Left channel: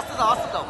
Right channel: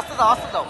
আস্তে যাও, আস্তে যাও।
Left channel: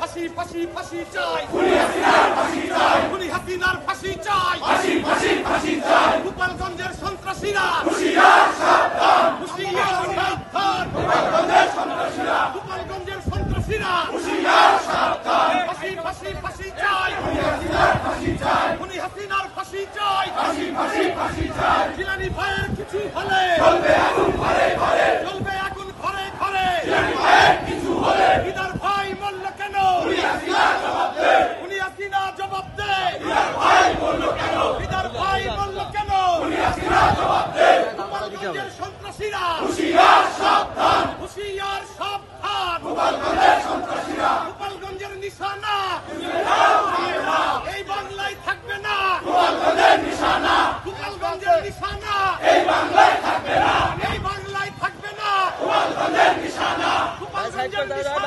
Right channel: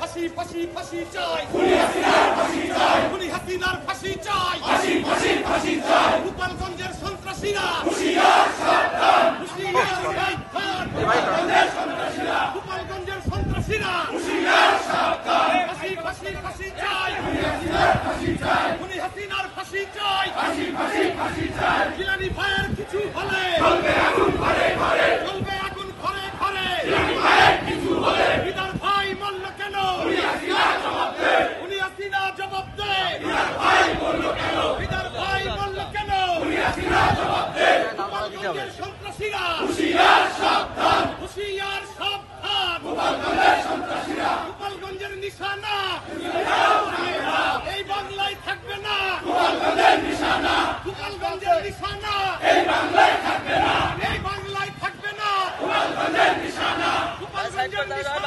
ফাঁসি ফাঁসি ফাঁসি চাই, খুনি হাসিনার ফাঁসি চাই, খুনি হাসিনার ফাঁসি চাই, ফাঁসি ফাঁসি ফাঁসি চাই। গোপালগঞ্জের সন্ত্রাসীরা হুঁশিয়ার সাবধান, হুঁশিয়ার সাবধান। গোপালগঞ্জের সন্ত্রাসীরা, গোপালগঞ্জের সন্ত্রাসীরা হুঁশিয়ার সাবধান। ফাঁসি ফাঁসি ফাঁসি চাই, খুনি হাসিনার ফাঁসি চাই, খুনি হাসিনার ফাঁসি চাই, ফাঁসি ফাঁসি ফাঁসি চাই। জিলানী ভাইয়ের কিছু হলে জ্বলবে আগুন ঘরে ঘরে, জ্বলবে আগুন ঘরে ঘরে। জিলানী ভাইয়ের কিছু হলে দিদার ভাই মরল কেন? খুনি হাসিনা জবাব দে, খুনি হাসিনা জবাব দে। দিদার ভাই মরল কেন? দিদার ভাই মরল কেন? খুনি হাসিনা জবাব দে। গোপালগঞ্জের সন্ত্রাসীরা হুঁশিয়ার সাবধান, হুঁশিয়ার সাবধান। গোপালগঞ্জের সন্ত্রাসীরা গোপালগঞ্জের নিশানা এই বাংলায় থাকবে না। গোপালগঞ্জের নিশানা, গোপালগঞ্জের নিশানা এই বাংলায় থাকবে না, এই বাংলায় থাকবে না। গোপালগঞ্জের নিশানা, গোপালগঞ্জের নিশানা।